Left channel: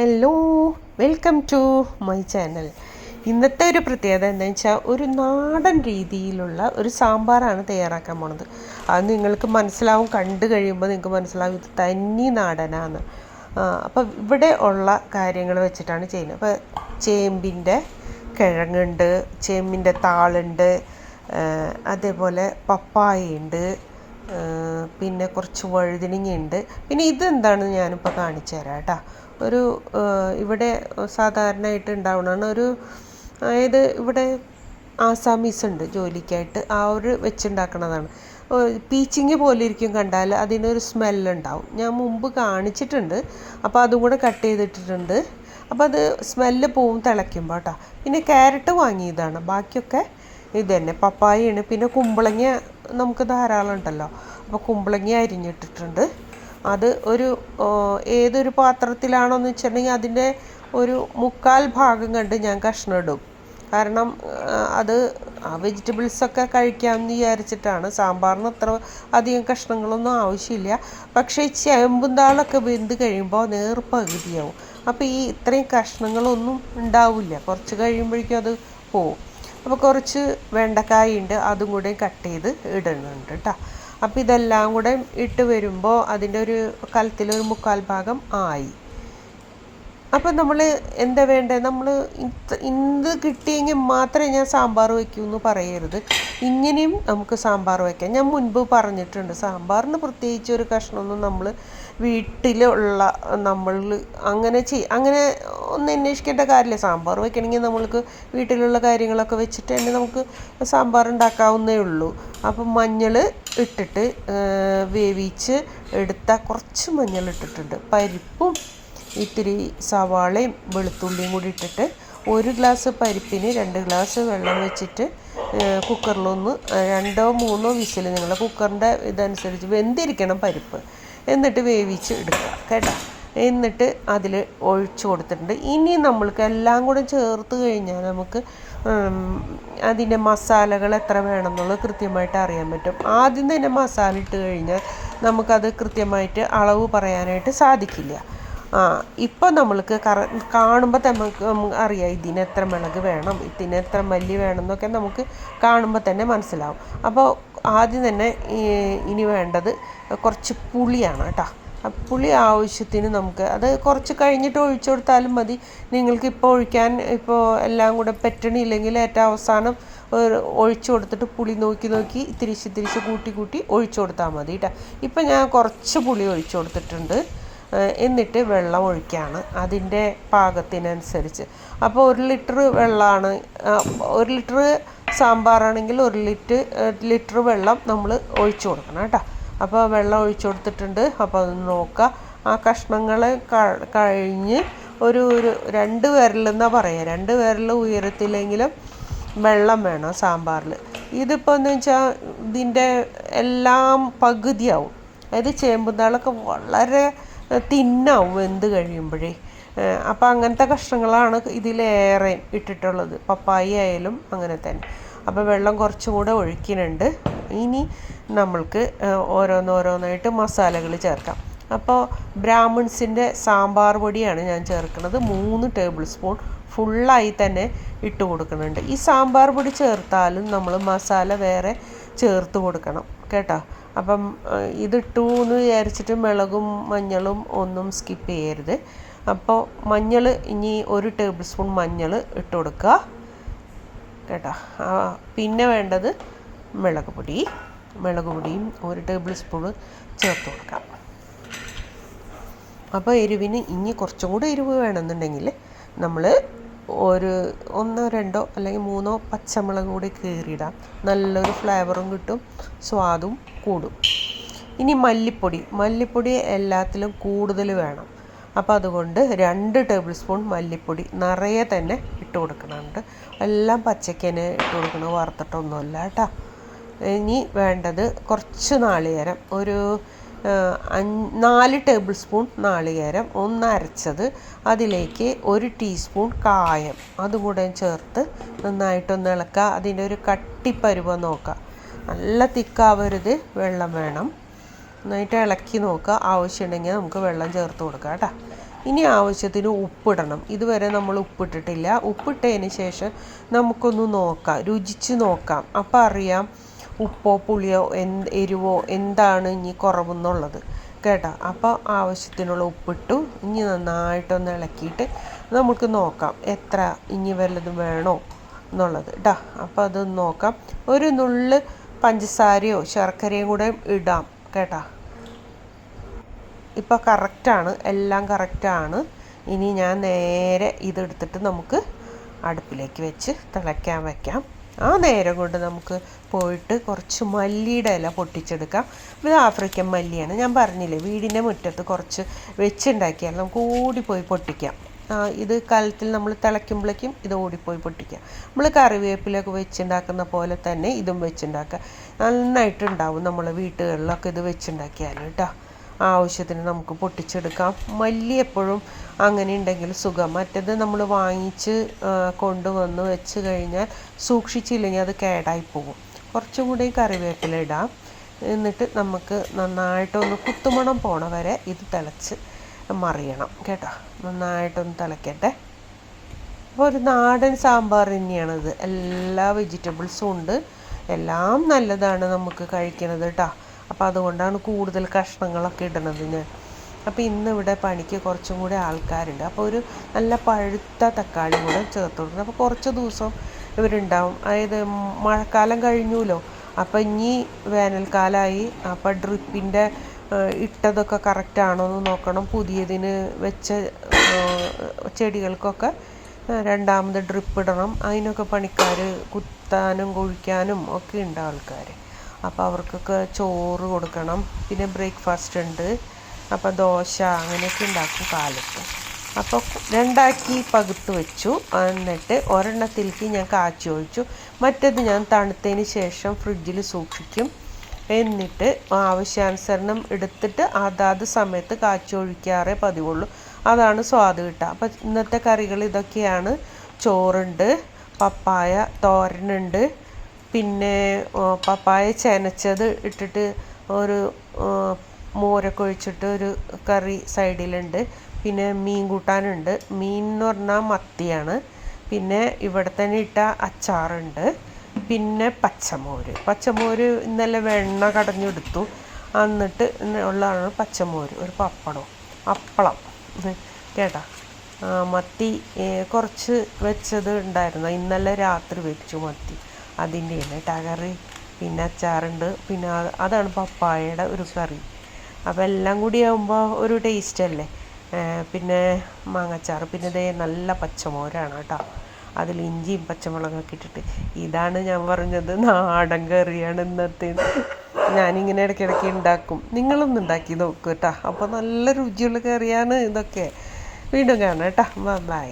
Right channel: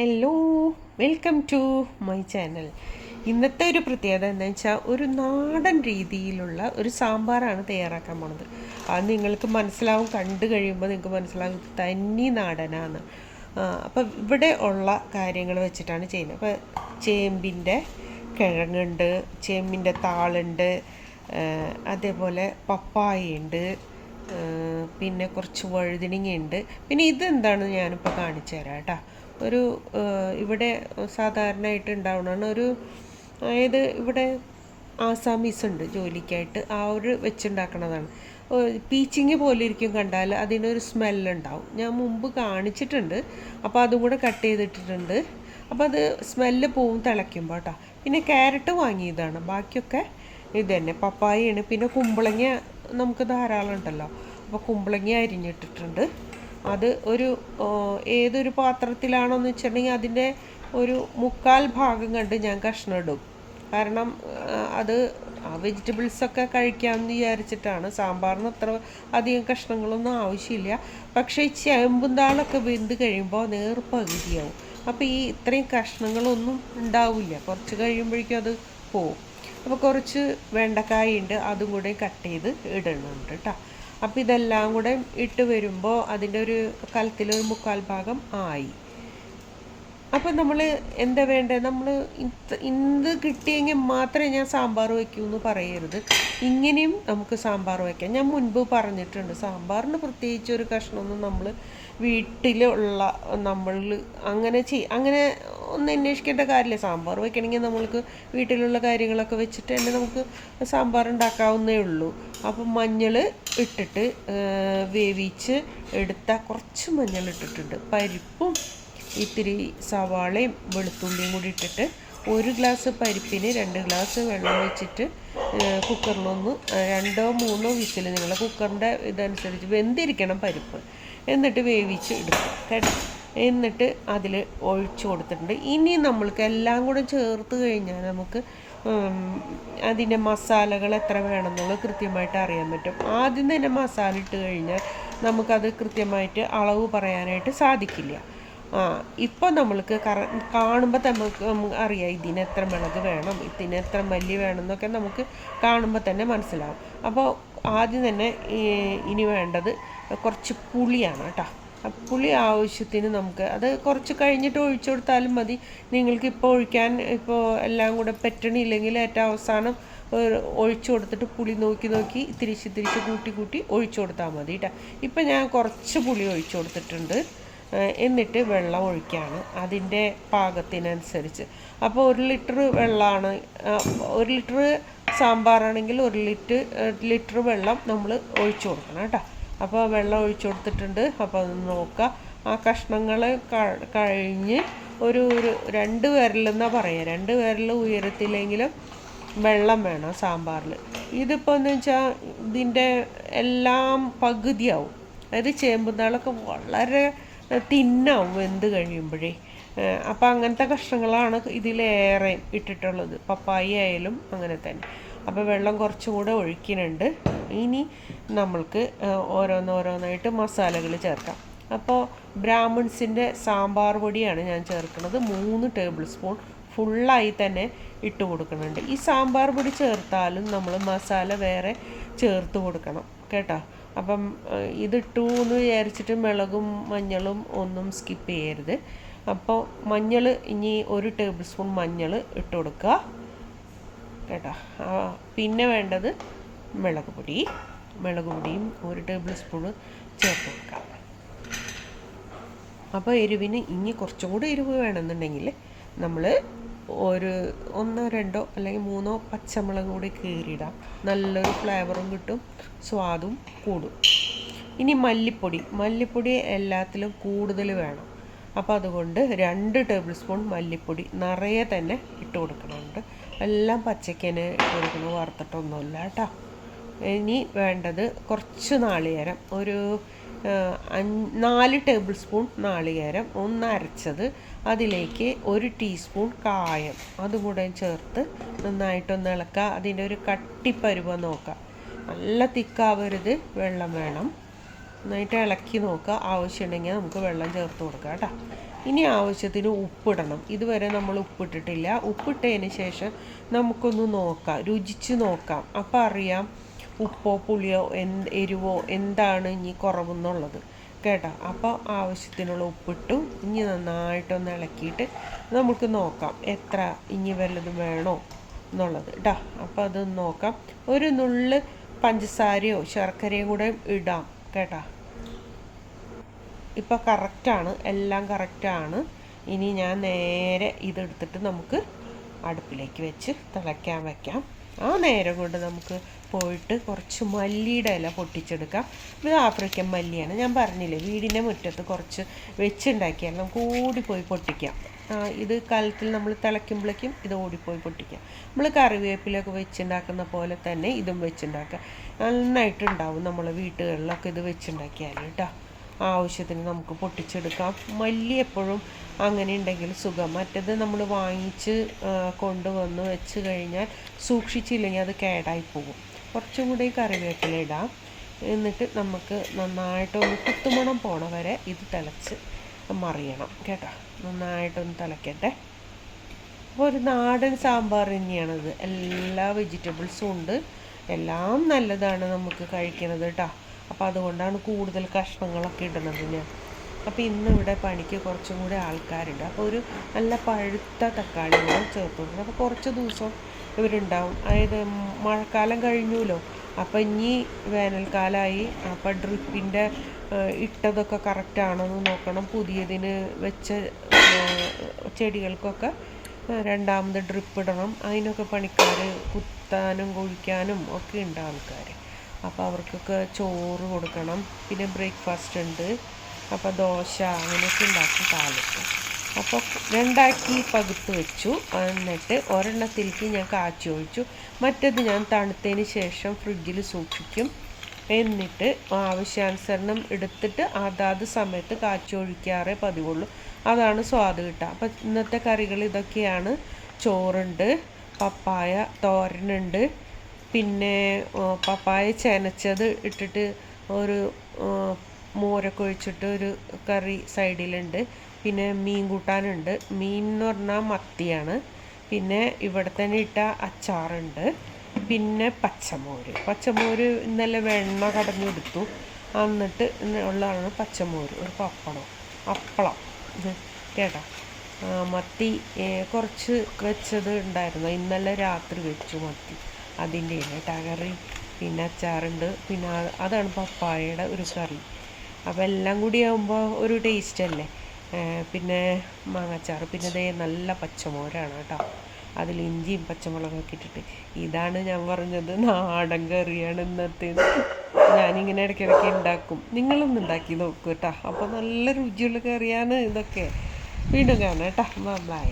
Hello, welcome to my channel. ഇന്നത്തെ ഒരു പ്രത്യേകത എന്താണെന്ന് വെച്ചാൽ ഒരു നാടൻ രീതിയിലുള്ള ഒരു സാമ്പാറാണ് തയ്യാറാക്കാൻ പോണത്. അത് നിങ്ങൾക്ക് മനസ്സിലാവും, കണ്ടു കഴിയുമ്പോൾ നിങ്ങൾക്ക് മനസ്സിലാവും ഇത് തനി നാടനാണ്. അപ്പോൾ ഇവിടെ ഉള്ള കാര്യങ്ങൾ വെച്ചിട്ടാണ് ചെയ്യുന്നത്. അപ്പോൾ ചേമ്പിൻ്റെ കിഴങ്ങുണ്ട്, ചേമ്പിൻ്റെ താളുണ്ട്, അതേപോലെ പപ്പായയുണ്ട്, പിന്നെ കുറച്ച് വഴുതനങ്ങയുണ്ട്. പിന്നെ ഇതെന്താണെന്ന് ഞാനിപ്പോൾ കാണിച്ചു തരാം കേട്ടോ. ഒരു ഇവിടെ സാധാരണയായിട്ട് ഉണ്ടാവുന്നതാണ് ഒരു, അതായത് ഇവിടെ ആസാമീസ് ഉണ്ട് ജോലിക്കായിട്ട്, അവർ വെച്ചുണ്ടാക്കുന്നതാണ്. പീച്ചിങ് പോലെ ഇരിക്കും കണ്ടാൽ, അതിനൊരു സ്മെല്ലുണ്ടാവും. ഞാൻ മുമ്പ് കാണിച്ചിട്ടുണ്ട്, അപ്പോൾ അതും കൂടെ കട്ട് ചെയ്തിട്ടിട്ടുണ്ട്. അപ്പോൾ അത് സ്മെല്ല് പോവും തിളയ്ക്കുമ്പോൾ കേട്ടോ. പിന്നെ ക്യാരറ്റ് വാങ്ങിയതാണ്, ബാക്കിയൊക്കെ ഇത് തന്നെ. പപ്പായയാണ്. പിന്നെ കുമ്പളങ്ങ നമുക്ക് ധാരാളം ഉണ്ടല്ലോ, അപ്പോൾ കുമ്പളങ്ങ അരിഞ്ഞിട്ടിട്ടുണ്ട്. അത് ഒരു ഏതൊരു പാത്രത്തിലാണോയെന്ന് വെച്ചിട്ടുണ്ടെങ്കിൽ അതിൻ്റെ ഒരു 1/4 ഭാഗം കണ്ട് ഞാൻ കഷ്ണം ഇടും. കാരണം അത് വെജിറ്റബിൾസൊക്കെ കഴിക്കാമെന്ന് വിചാരിച്ചിട്ടാണ്. സാമ്പാറിന് അത്ര അധികം കഷ്ണങ്ങളൊന്നും ആവശ്യമില്ല. പക്ഷേ ഈ ചേമ്പും താളൊക്കെ വെന്ത് കഴിയുമ്പോൾ നേർപകുതിയാവും. അപ്പോൾ ഈ ഇത്രയും കഷ്ണങ്ങളൊന്നും ഉണ്ടാവില്ല, കുറച്ച് കഴിയുമ്പോഴേക്കും അത് പോവും. അപ്പോൾ കുറച്ച് വെണ്ടക്കായുണ്ട്, അതും കൂടെ കട്ട് ചെയ്ത് ഇടുന്നുണ്ട് കേട്ടോ. അപ്പോൾ ഇതെല്ലാം കൂടെ ഇട്ട് വരുമ്പോൾ അതിൻ്റെ ഒരു കലത്തിലൊരു 1/4 ഭാഗം ആയി. അപ്പം നമ്മൾ എന്താ വേണ്ടത്, നമ്മൾ ഇത് കിട്ടിയെങ്കിൽ മാത്രമേ ഞാൻ സാമ്പാർ വയ്ക്കൂ എന്ന് പറയരുത്. ഇങ്ങനെയും നമുക്ക് സാമ്പാർ വയ്ക്കാം. ഞാൻ മുൻപ് പറഞ്ഞിട്ടുണ്ട്, സാമ്പാറിന് പ്രത്യേകിച്ച് ഒരു കഷ്ണമൊന്നും നമ്മൾ വീട്ടിലുള്ള നമ്മൾ അങ്ങനെ ഒന്നും അന്വേഷിക്കേണ്ട കാര്യമില്ല. സാമ്പാർ വയ്ക്കണമെങ്കിൽ നമ്മൾക്ക് വീട്ടിലുള്ള കാര്യങ്ങളൊക്കെ വെച്ചിട്ട് തന്നെ നമുക്ക് സാമ്പാർ ഉണ്ടാക്കാവുന്നേ ഉള്ളൂ. അപ്പം മഞ്ഞൾ ഇട്ടിട്ട് വേവിച്ച് എടുത്ത കുറച്ച് മഞ്ഞൾ ഇട്ടിട്ടുണ്ട്. പരിപ്പും ഇത്തിരി സവാളയും വെളുത്തുള്ളിയും കൂടി ഇട്ടിട്ട് 1 ഗ്ലാസ് പരിപ്പിന് 2 ഗ്ലാസ് വെള്ളം വെച്ചിട്ട് കുക്കറിലൊന്ന് 2-3 വിസിൽ, നിങ്ങളുടെ കുക്കറിൻ്റെ ഇതനുസരിച്ച് വെന്തിരിക്കണം പരിപ്പ്, എന്നിട്ട് വേവിച്ച് എടുക്കുക കേട്ടോ. എന്നിട്ട് അതിൽ ഒഴിച്ച് കൊടുത്തിട്ടുണ്ട്. ഇനി നമ്മൾക്ക് എല്ലാം കൂടെ ചേർത്ത് കഴിഞ്ഞാൽ നമുക്ക് അതിൻ്റെ മസാലകൾ എത്ര വേണമെന്നുള്ളത് കൃത്യമായിട്ട് അറിയാൻ പറ്റും. ആദ്യം തന്നെ മസാല ഇട്ട് കഴിഞ്ഞാൽ നമുക്കത് കൃത്യമായിട്ട് അളവ് പറയാനായിട്ട് സാധിക്കില്ല. ഇപ്പോൾ നമ്മൾക്ക് കാണുമ്പോൾ നമുക്ക് അറിയാം ഇതിന് എത്ര മുളക് വേണം, ഇതിന് എത്ര മല്ലി വേണം എന്നൊക്കെ നമുക്ക് കാണുമ്പോൾ തന്നെ മനസ്സിലാവും. അപ്പോൾ ആദ്യം തന്നെ ഇനി വേണ്ടത് കുറച്ച് പുളിയാണ് കേട്ടോ. പുളി ആവശ്യത്തിന് നമുക്ക് അത് കുറച്ച് കഴിഞ്ഞിട്ട് ഒഴിച്ചു കൊടുത്താലും മതി. നിങ്ങൾക്ക് ഇപ്പോൾ ഒഴിക്കാൻ എല്ലാം കൂടെ പറ്റണില്ലെങ്കിൽ ഏറ്റവും അവസാനം ഒഴിച്ചു കൊടുത്തിട്ട് പുളി നോക്കി തിരിച്ച് കൂട്ടി ഒഴിച്ചു കൊടുത്താൽ മതി കേട്ടോ. ഇപ്പം ഞാൻ കുറച്ച് പുളി ഒഴിച്ചു കൊടുത്തിട്ടുണ്ട്. എന്നിട്ട് വെള്ളം ഒഴിക്കുകയാണ് അതിൻ്റെ പാകത്തിനനുസരിച്ച്. അപ്പോൾ 1 ലിറ്റർ വെള്ളമാണ്, 1 ലിറ്റർ സാമ്പാറാണെങ്കിൽ 1 ലിറ്റർ വെള്ളം നമ്മൾ ഒഴിച്ചു കൊടുക്കണം കേട്ടോ. അപ്പോൾ വെള്ളം ഒഴിച്ചു കൊടുത്തിട്ടുണ്ട്. അപ്പോൾ അത് നോക്കുക. ആ കഷ്ണങ്ങൾ കഴിഞ്ഞ് ഒരു 2 വിരലെന്നാണ് പറയുക, 2 വിരൽ ഉയരത്തിലെങ്കിലും വെള്ളം വേണം സാമ്പാറിൽ. ഇതിപ്പോൾ എന്ന് വെച്ചാൽ ഇതിൻ്റെ എല്ലാം പകുതിയാവും. അതായത് ചേമ്പുതാളൊക്കെ വളരെ തിന്നാവും വെന്ത് കഴിയുമ്പോഴേ. അപ്പോൾ അങ്ങനത്തെ കഷ്ണങ്ങളാണ് ഇതിലേറെ ഇട്ടിട്ടുള്ളത്. പപ്പായ ആയാലും അങ്ങനെ തന്നെ. അപ്പോൾ വെള്ളം കുറച്ചും കൂടെ ഒഴിക്കുന്നുണ്ട്. ഇനി നമ്മൾക്ക് ഓരോന്നായിട്ട് മസാലകൾ ചേർക്കാം. അപ്പോൾ ബ്രാഹ്മിൺസിൻ്റെ സാമ്പാർ പൊടിയാണ് ഞാൻ ചേർക്കുന്നത്. 3 ടേബിൾ സ്പൂൺ ഫുള്ളായി തന്നെ ഇട്ട് കൊടുക്കുന്നുണ്ട്. ഈ സാമ്പാർ പൊടി ചേർത്താലും നമ്മൾ മസാല വേറെ ചേർത്ത് കൊടുക്കണം കേട്ടോ. അപ്പം ഇതിട്ടു എന്ന് വിചാരിച്ചിട്ട് മുളകും മഞ്ഞളും ഒന്നും സ്കിപ്പ് ചെയ്യരുത്. അപ്പോൾ മഞ്ഞൾ ഇനി 1 ടേബിൾ സ്പൂൺ മഞ്ഞൾ ഇട്ട് കൊടുക്കുക കേട്ടോ. പിന്നെ വേണ്ടത് മുളക് പൊടിയും 1 ടേബിൾ സ്പൂൺ ചേർത്ത് കൊടുക്കാം. അപ്പോൾ എരിവിന് ഇനി കുറച്ചും കൂടി എരിവ് വേണമെന്നുണ്ടെങ്കിൽ നമ്മൾ 1, 2 അല്ലെങ്കിൽ 3 പച്ചമുളക് കൂടി കീറിയിടാം. നല്ലൊരു ഫ്ലേവറും കിട്ടും, സ്വാദും കൂടും. ഇനി മല്ലിപ്പൊടി എല്ലാത്തിലും കൂടുതൽ വേണം. അപ്പോൾ അതുകൊണ്ട് 2 ടേബിൾ സ്പൂൺ മല്ലിപ്പൊടി നിറയെ തന്നെ ഇട്ട് കൊടുക്കുന്നുണ്ട്. എല്ലാം പച്ചക്കന് ഇട്ട് കൊടുക്കണം, വറുത്തിട്ടൊന്നുമല്ല കേട്ടോ. ഇനി വേണ്ടത് കുറച്ച് നാളികേരം, ഒരു 4 ടേബിൾ സ്പൂൺ നാളികേരം ഒന്ന് അരച്ചത്, അതിലേക്ക് 1 ടീസ്പൂൺ കായം അതും കൂടെ ചേർത്ത് നന്നായിട്ടൊന്ന് ഇളക്കുക. അതിൻ്റെ ഒരു കട്ടിപ്പരുവം നോക്കുക, നല്ല തിക്കാവരുത്, വെള്ളം വേണം. നന്നായിട്ട് ഇളക്കി നോക്കുക. ആവശ്യമുണ്ടെങ്കിൽ നമുക്ക് വെള്ളം ചേർത്ത് കൊടുക്കാം കേട്ടോ. ഇനി ആവശ്യത്തിന് ഉപ്പിടണം. ഇതുവരെ നമ്മൾ ഉപ്പിട്ടിട്ടില്ല. ഉപ്പിട്ടതിന് ശേഷം നമുക്കൊന്ന് നോക്കാം, രുചിച്ച് നോക്കാം. അപ്പം അറിയാം ഉപ്പോ പുളിയോ എരിവോ എന്താണ് ഇനി കുറവെന്നുള്ളത് കേട്ടോ. അപ്പോൾ ആവശ്യത്തിനുള്ള ഉപ്പിട്ടു. ഇനി നന്നായിട്ടൊന്ന് ഇളക്കിയിട്ട് നമുക്ക് നോക്കാം എത്ര ഇനി വല്ലതും വേണോ എന്നുള്ളത് കേട്ടോ. അപ്പോൾ അതൊന്ന് നോക്കാം. ഒരു നുള്ള് പഞ്ചസാരയോ ശർക്കരയും കൂടെ ഇടാം കേട്ടോ. ഇപ്പോൾ കറക്റ്റാണ്, എല്ലാം കറക്റ്റാണ്. ഇനി ഞാൻ നേരെ ഇതെടുത്തിട്ട് നമുക്ക് അടുപ്പിലേക്ക് വെച്ച് തിളയ്ക്കാൻ വയ്ക്കാം. ആ നേരം കൊണ്ട് നമുക്ക് പോയിട്ട് കുറച്ച് മല്ലിയുടെ ഇല പൊട്ടിച്ചെടുക്കാം. ഇത് ആഫ്രിക്കൻ മല്ലിയാണ്. ഞാൻ പറഞ്ഞില്ലേ വീടിൻ്റെ മുറ്റത്ത് കുറച്ച് വെച്ചുണ്ടാക്കിയാൽ നമുക്ക് ഓടിപ്പോയി പൊട്ടിക്കാം. ഇത് കാലത്തിൽ നമ്മൾ തിളയ്ക്കുമ്പോഴേക്കും ഇത് ഓടിപ്പോയി പൊട്ടിക്കാം. നമ്മൾ കറിവേപ്പിലൊക്കെ വെച്ചുണ്ടാക്കുന്ന പോലെ തന്നെ ഇതും വെച്ചുണ്ടാക്കുക. നന്നായിട്ടുണ്ടാവും നമ്മളെ വീട്ടുകളിലൊക്കെ ഇത് വെച്ചുണ്ടാക്കിയാൽ കേട്ടോ. ആവശ്യത്തിന് നമുക്ക് പൊട്ടിച്ചെടുക്കാം. മല്ലി എപ്പോഴും അങ്ങനെ ഉണ്ടെങ്കിൽ സുഖം. മറ്റേത് നമ്മൾ വാങ്ങിച്ച് കൊണ്ടുവന്ന് വെച്ച് കഴിഞ്ഞാൽ സൂക്ഷിച്ചില്ലെങ്കിൽ അത് കേടായി പോകും. കുറച്ചും കൂടി കറിവേപ്പില ഇടാം. എന്നിട്ട് നമുക്ക് നന്നായിട്ടൊന്ന് കുത്തുമണം പോണ വരെ ഇത് തിളച്ച് മറിയണം കേട്ടോ. നന്നായിട്ടൊന്ന് തിളയ്ക്കട്ടെ. അപ്പോൾ ഒരു നാടൻ സാമ്പാർ തന്നെയാണിത്. എല്ലാ വെജിറ്റബിൾസും ഉണ്ട്, എല്ലാം നല്ലതാണ് നമുക്ക് കഴിക്കുന്നത് കേട്ടോ. അപ്പോൾ അതുകൊണ്ടാണ് കൂടുതൽ കഷ്ണങ്ങളൊക്കെ ഇടുന്നത് ഞാൻ. അപ്പോൾ ഇന്ന് ഇവിടെ പണിക്ക് കുറച്ചും കൂടി ആൾക്കാരുണ്ട്. അപ്പോൾ ഒരു നല്ല പഴുത്ത തക്കാളി കൂടെ ചേർത്ത് കൊടുക്കുന്നത്. അപ്പോൾ കുറച്ച് ദിവസം ഇവരുണ്ടാവും. അതായത് മഴക്കാലം കഴിഞ്ഞുല്ലോ, അപ്പോൾ ഇനി വേനൽക്കാലമായി. അപ്പോൾ ഡ്രിപ്പിൻ്റെ ഇട്ടതൊക്കെ കറക്റ്റാണോ എന്ന് നോക്കണം. പുതിയതിന് വെച്ച ചെടികൾക്കൊക്കെ രണ്ടാമത് ഡ്രിപ്പ് ഇടണം. അതിനൊക്കെ പണിക്കാർ കുത്താനും കുഴിക്കാനും ഒക്കെ ഉണ്ട് ആൾക്കാർ. അപ്പോൾ അവർക്കൊക്കെ ചോറ് കൊടുക്കണം. പിന്നെ ബ്രേക്ക്ഫാസ്റ്റ് ഉണ്ട്. അപ്പോൾ ദോശ അങ്ങനെയൊക്കെ ഉണ്ടാക്കും കാലത്ത്. അപ്പോൾ രണ്ടാക്കി പകുത്ത് വെച്ചു. എന്നിട്ട് ഒരെണ്ണത്തിലേക്ക് ഞാൻ കാച്ചി ഒഴിച്ചു. മറ്റേത് ഞാൻ തണുത്തതിന് ശേഷം ഫ്രിഡ്ജിൽ സൂക്ഷിക്കും. എന്നിട്ട് ആവശ്യാനുസരണം എടുത്തിട്ട് അതാത് സമയത്ത് കാച്ചി ഒഴിക്കാറേ പതിവുള്ളൂ. അതാണ് സ്വാദ് കിട്ടുക. അപ്പം ഇന്നത്തെ കറികൾ ഇതൊക്കെയാണ്. ചോറുണ്ട്, പപ്പായ തോരനുണ്ട്, പിന്നെ പപ്പായ ചെനച്ചത് ഇട്ടിട്ട് ഒരു മോരൊക്കെ ഒഴിച്ചിട്ട് ഒരു കറി സൈഡിലുണ്ട്. പിന്നെ മീൻ കൂട്ടാനുണ്ട്. മീൻ എന്ന് പറഞ്ഞാൽ മത്തിയാണ്. പിന്നെ ഇവിടെ തന്നെ ഇട്ട അച്ചാറുണ്ട്. പിന്നെ പച്ചമോര് ഇന്നലെ വെണ്ണ കടഞ്ഞെടുത്തു. എന്നിട്ട് ഉള്ളതാണ് പച്ചമോര്. ഒരു അപ്പളം കേട്ടോ. മത്തി കുറച്ച് വെച്ചത് ഉണ്ടായിരുന്നു. ഇന്നലെ രാത്രി വെച്ചു മത്തി. അതിൻ്റെ കറി. പിന്നെ അച്ചാറുണ്ട്. പിന്നെ അതാണ് പപ്പായയുടെ ഒരു കറി. അപ്പോൾ എല്ലാം കൂടി ആകുമ്പോൾ ഒരു ടേസ്റ്റ് അല്ലേ. പിന്നെ മാങ്ങച്ചാറ്. പിന്നെ ഇതേ നല്ല പച്ചമോരാണ് കേട്ടോ. അതിൽ ഇഞ്ചിയും പച്ചമുളകൊക്കെ ഇട്ടിട്ട്. ഇതാണ് ഞാൻ പറഞ്ഞത് നാടൻ കറിയാണ് ഇന്നത്തേത്. ഞാനിങ്ങനെ ഇടയ്ക്കിടയ്ക്ക് ഉണ്ടാക്കും. നിങ്ങളൊന്ന് ഉണ്ടാക്കി നോക്കൂ കേട്ടോ. അപ്പോൾ നല്ല രുചിയുള്ള കറിയാണ് ഇതൊക്കെ. വീണ്ടും കാണാം കേട്ടോ. ബൈ.